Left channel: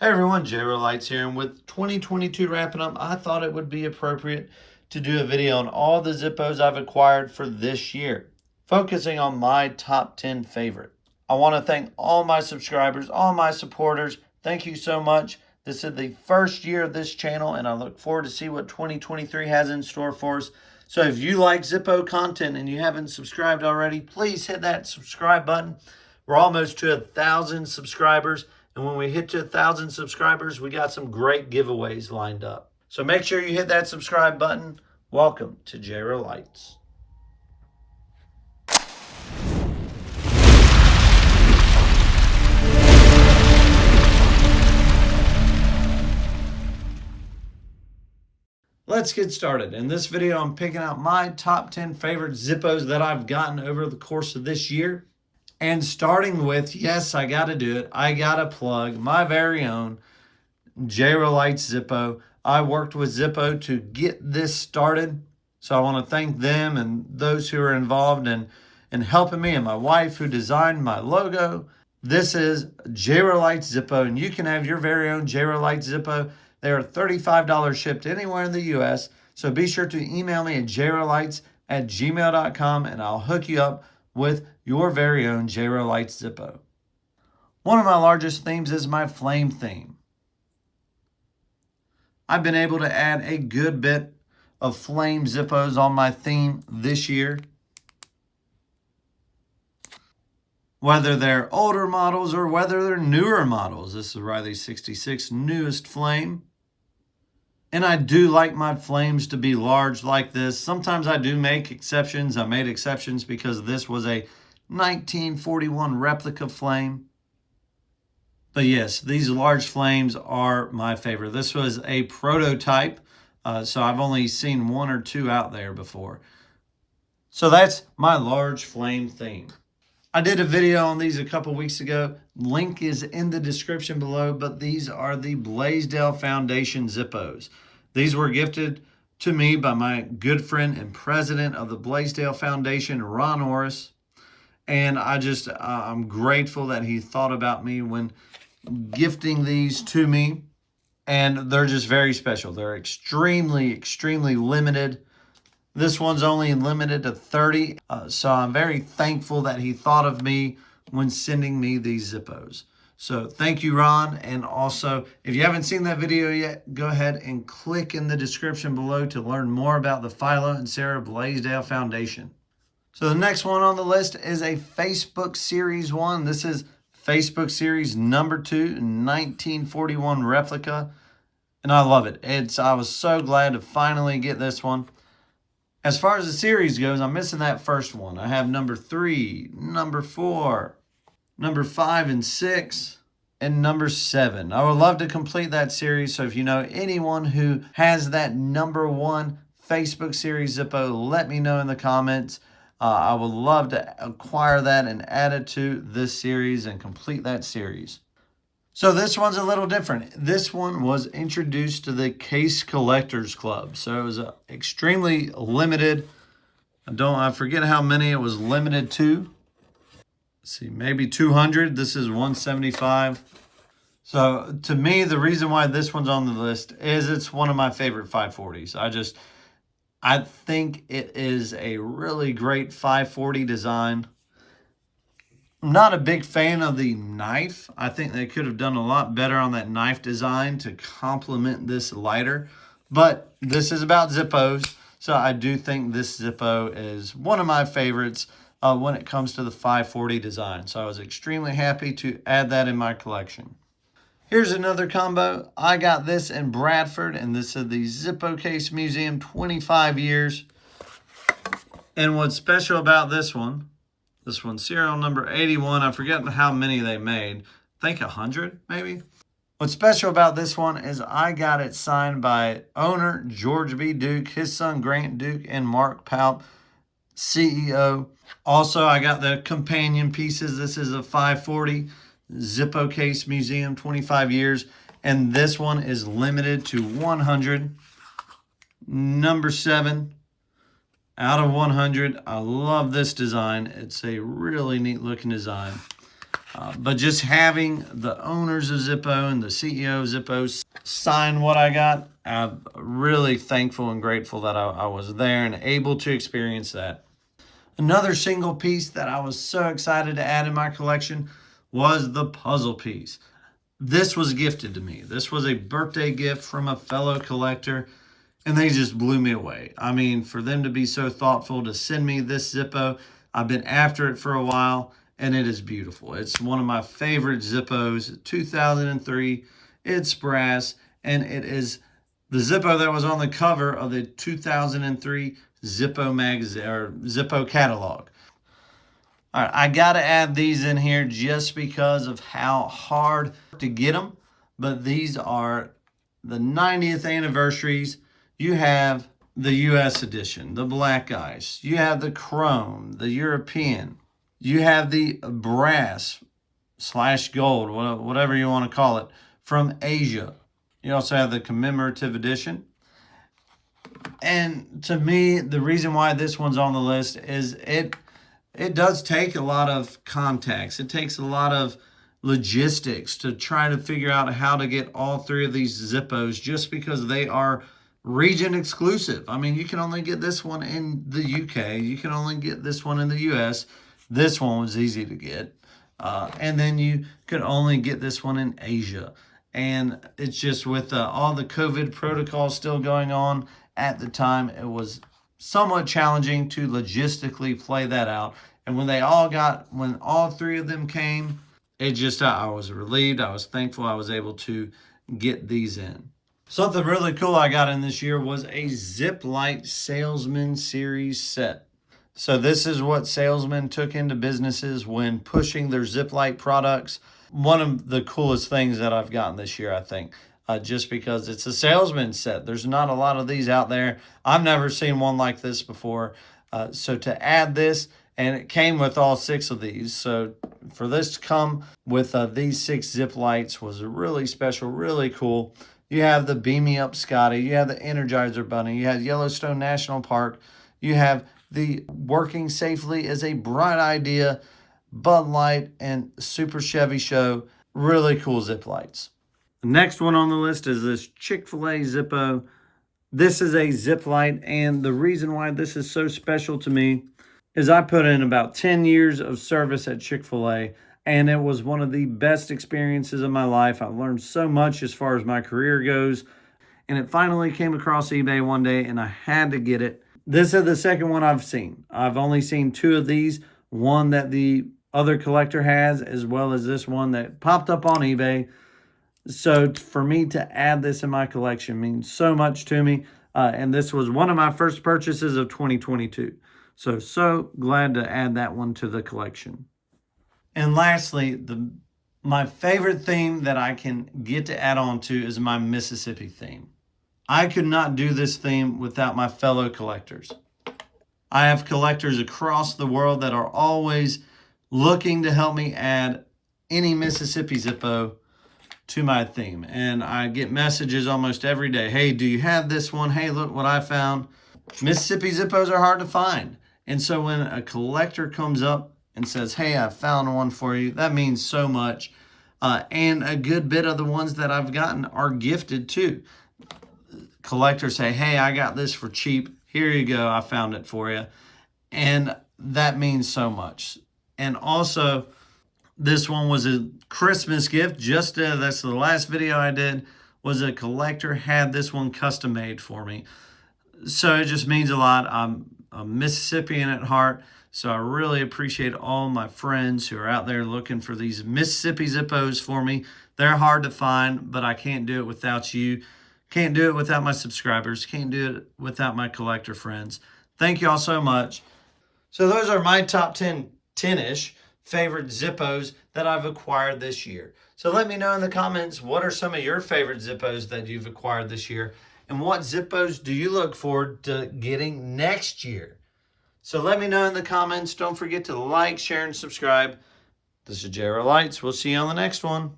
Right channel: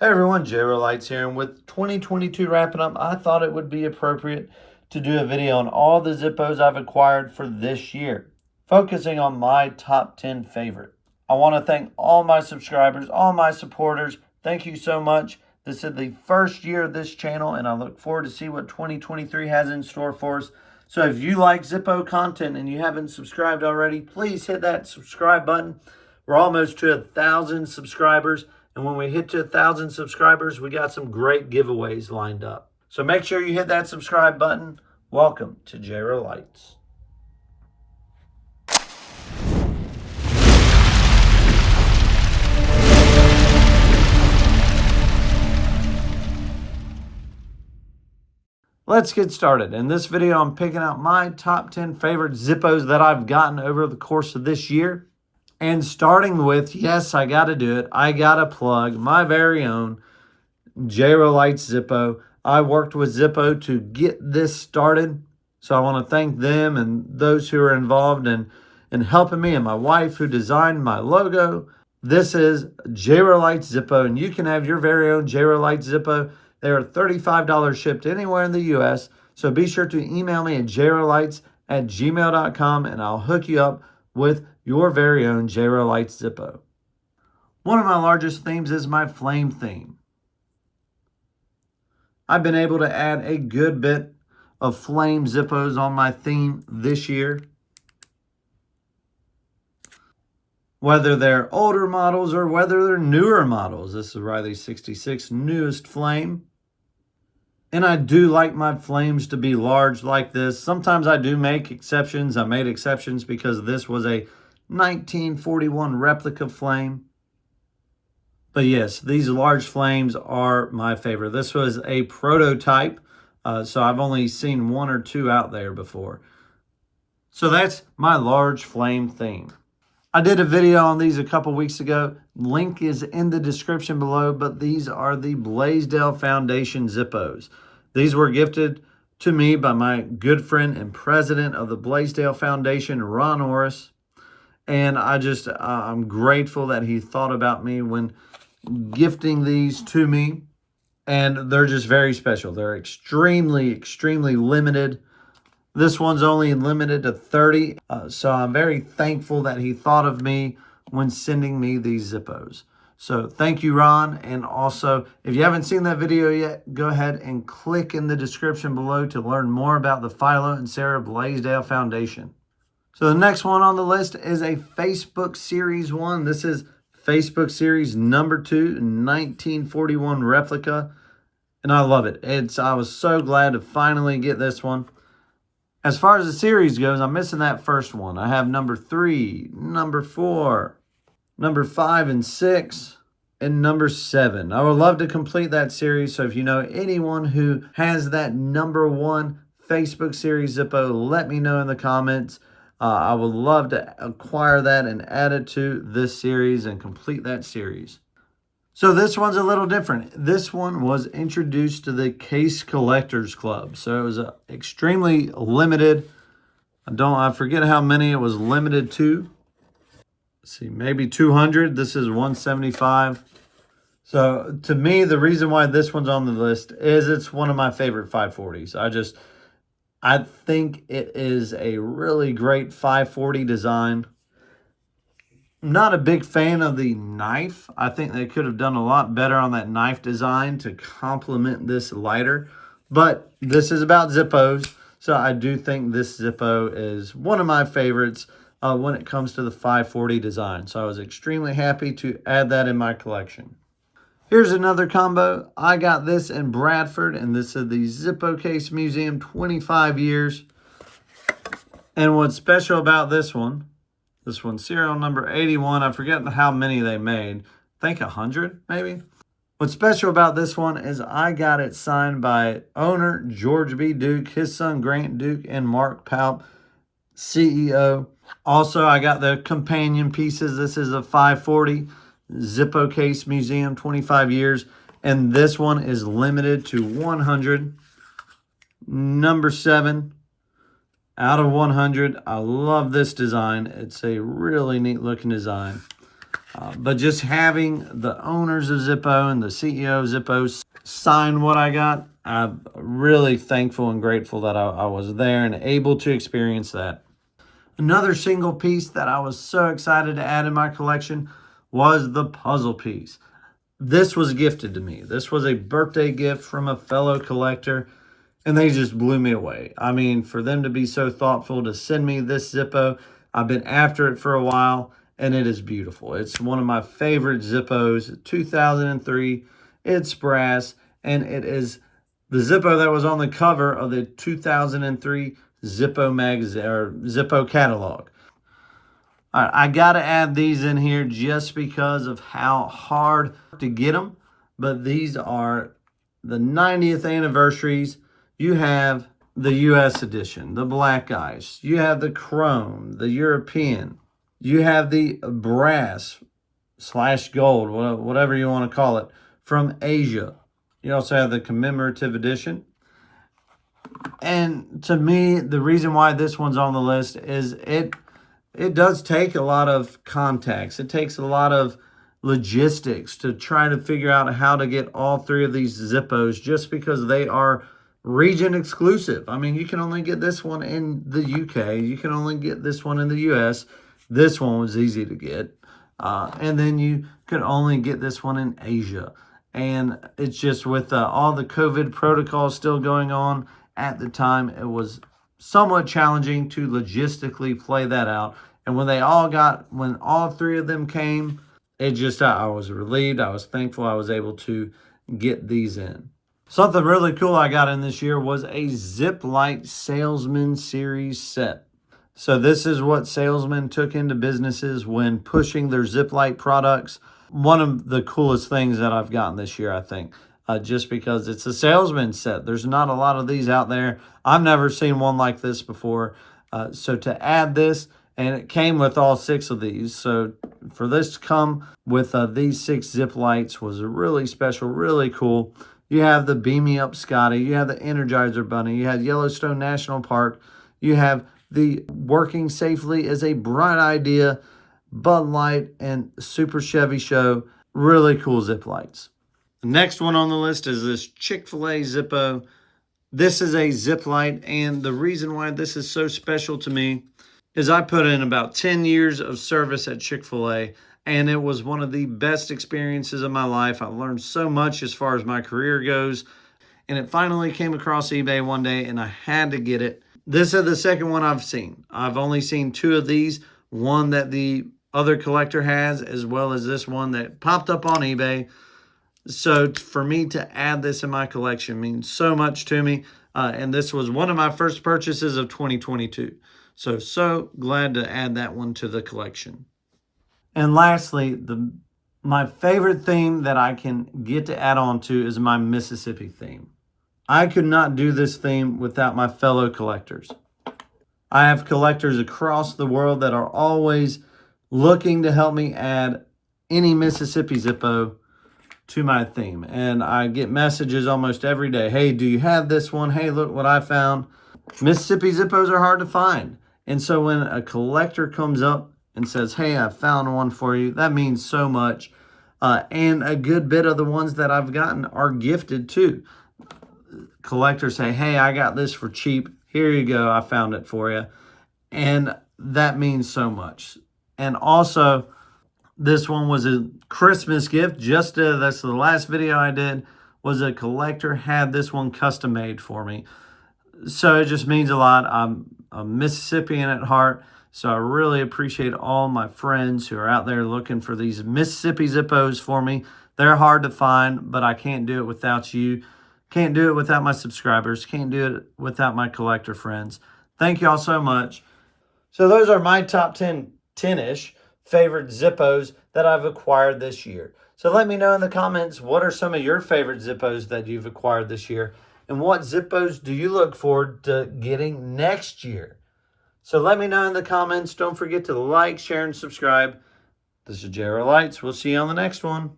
Hey everyone, JRO Lights here, and with 2022 wrapping up, I thought it would be appropriate to do a video on all the Zippos I've acquired for this year, focusing on my top 10 favorite. I want to thank all my subscribers, all my supporters. Thank you so much. This is the first year of this channel, and I look forward to see what 2023 has in store for us. So if you like Zippo content and you haven't subscribed already, please hit that subscribe button. We're almost to 1,000 subscribers. And when we hit to 1,000 subscribers, we got some great giveaways lined up. So make sure you hit that subscribe button. Welcome to JRO Lights. Let's get started. In this video, I'm picking out my top 10 favorite Zippos that I've gotten over the course of this year. And starting with, yes, I got to do it. I got to plug my very own JRO Lights Zippo. I worked with Zippo to get this started. So I want to thank them and those who are involved in helping me, and my wife who designed my logo. This is JRO Lights Zippo, and you can have your very own JRO Lights Zippo. They are $35 shipped anywhere in the U.S. So be sure to email me at jrolights@gmail.com, and I'll hook you up with your very own JRO Lights Zippo. One of my largest themes is my flame theme. I've been able to add a good bit of flame Zippos on my theme this year. Whether they're older models or whether they're newer models. This is Riley 66 newest flame. And I do like my flames to be large like this. Sometimes I do make exceptions. I made exceptions because this was a 1941 replica flame. But yes, these large flames are my favorite. This was a prototype, so I've only seen one or two out there before. So that's my large flame theme. I did a video on these a couple weeks ago. Link is in the description below, but these are the Blaisdell Foundation Zippos. These were gifted to me by my good friend and president of the Blaisdell Foundation, Ron Orris. And I'm grateful that he thought about me when gifting these to me. And they're just very special. They're extremely, extremely limited. This one's only limited to 30. So I'm very thankful that he thought of me when sending me these Zippos. So thank you, Ron. And also, if you haven't seen that video yet, go ahead and click in the description below to learn more about the Philo and Sarah Blaisdell Foundation. So the next one on the list is a Facebook Series 1. This is Facebook Series number 2, 1941 replica. And I love it. I was so glad to finally get this one. As far as the series goes, I'm missing that first one. I have number 3, number 4, number 5 and 6, and number 7. I would love to complete that series. So if you know anyone who has that number 1 Facebook Series Zippo, let me know in the comments. I would love to acquire that and add it to this series and complete that series. So this one's a little different. This one was introduced to the Case Collectors Club. So it was extremely limited. I forget how many it was limited to. Let's see, maybe 200. This is 175. So to me, the reason why this one's on the list is it's one of my favorite 540s. I think it is a really great 540 design. I'm not a big fan of the knife. I think they could have done a lot better on that knife design to complement this lighter. But this is about Zippos, so I do think this Zippo is one of my favorites when it comes to the 540 design. So I was extremely happy to add that in my collection. Here's another combo. I got this in Bradford, and this is the Zippo Case Museum, 25 years. And what's special about this one, serial number 81, I forget how many they made. I think 100, maybe. What's special about this one is I got it signed by owner George B. Duke, his son Grant Duke, and Mark Palp, CEO. Also, I got the companion pieces. This is a 540. Zippo Case Museum, 25 years. And this one is limited to 100. Number 7 out of 100. I love this design. It's a really neat looking design. But just having the owners of Zippo and the CEO of Zippo sign what I got, I'm really thankful and grateful that I was there and able to experience that. Another single piece that I was so excited to add in my collection was the puzzle piece. This was gifted to me. This was a birthday gift from a fellow collector, and they just blew me away. I mean, for them to be so thoughtful to send me this Zippo, I've been after it for a while, and it is beautiful. It's one of my favorite Zippos, 2003. It's brass, and it is the Zippo that was on the cover of the 2003 Zippo magazine or Zippo catalog. All right, I got to add these in here just because of how hard to get them, but these are the 90th anniversaries. You have the US edition, the black ice. You have the chrome, the European. You have the brass / gold, whatever you want to call it, from Asia. You also have the commemorative edition. And to me, the reason why this one's on the list is it does take a lot of contacts. It takes a lot of logistics to try to figure out how to get all three of these Zippos just because they are region exclusive. I mean, you can only get this one in the UK. You can only get this one in the US. This one was easy to get. And then you could only get this one in Asia. And it's just with all the COVID protocols still going on at the time, it was somewhat challenging to logistically play that out. And when all three of them came, I was relieved. I was thankful I was able to get these in. Something really cool I got in this year was a Zippo Salesman Series set. So this is what salesmen took into businesses when pushing their Zippo products. One of the coolest things that I've gotten this year, I think. Just because it's a salesman set. There's not a lot of these out there. I've never seen one like this before. So to add this, and it came with all 6 of these. So for this to come with these 6 Zippo lights was really special, really cool. You have the Beam Me Up Scotty. You have the Energizer Bunny. You have Yellowstone National Park. You have the Working Safely is a Bright Idea, Bud Light, and Super Chevy Show. Really cool Zippo lights. The next one on the list is this ChickfilA Zippo. This is a Zippo light, and the reason why this is so special to me is I put in about 10 years of service at ChickfilA, and it was one of the best experiences of my life. I learned so much as far as my career goes, and it finally came across eBay one day, and I had to get it. This is the second one I've seen. I've only seen 2 of these, one that the other collector has, as well as this one that popped up on eBay. So for me to add this in my collection means so much to me. And this was one of my first purchases of 2022. So glad to add that one to the collection. And lastly, my favorite theme that I can get to add on to is my Mississippi theme. I could not do this theme without my fellow collectors. I have collectors across the world that are always looking to help me add any Mississippi Zippo to my theme. And I get messages almost every day. Hey, do you have this one? Hey, look what I found. Mississippi Zippos are hard to find. And so when a collector comes up and says, hey, I found one for you, that means so much. And a good bit of the ones that I've gotten are gifted too. Collectors say, hey, I got this for cheap. Here you go. I found it for you. And that means so much. And also, this one was a Christmas gift. That's the last video I did, was a collector had this one custom made for me. So it just means a lot. I'm a Mississippian at heart, so I really appreciate all my friends who are out there looking for these Mississippi Zippos for me. They're hard to find, but I can't do it without you. Can't do it without my subscribers. Can't do it without my collector friends. Thank you all so much. So those are my top 10-ish favorite Zippos that I've acquired this year. So let me know in the comments, what are some of your favorite Zippos that you've acquired this year? And what Zippos do you look forward to getting next year? So let me know in the comments. Don't forget to like, share, and subscribe. This is JRO Lights. We'll see you on the next one.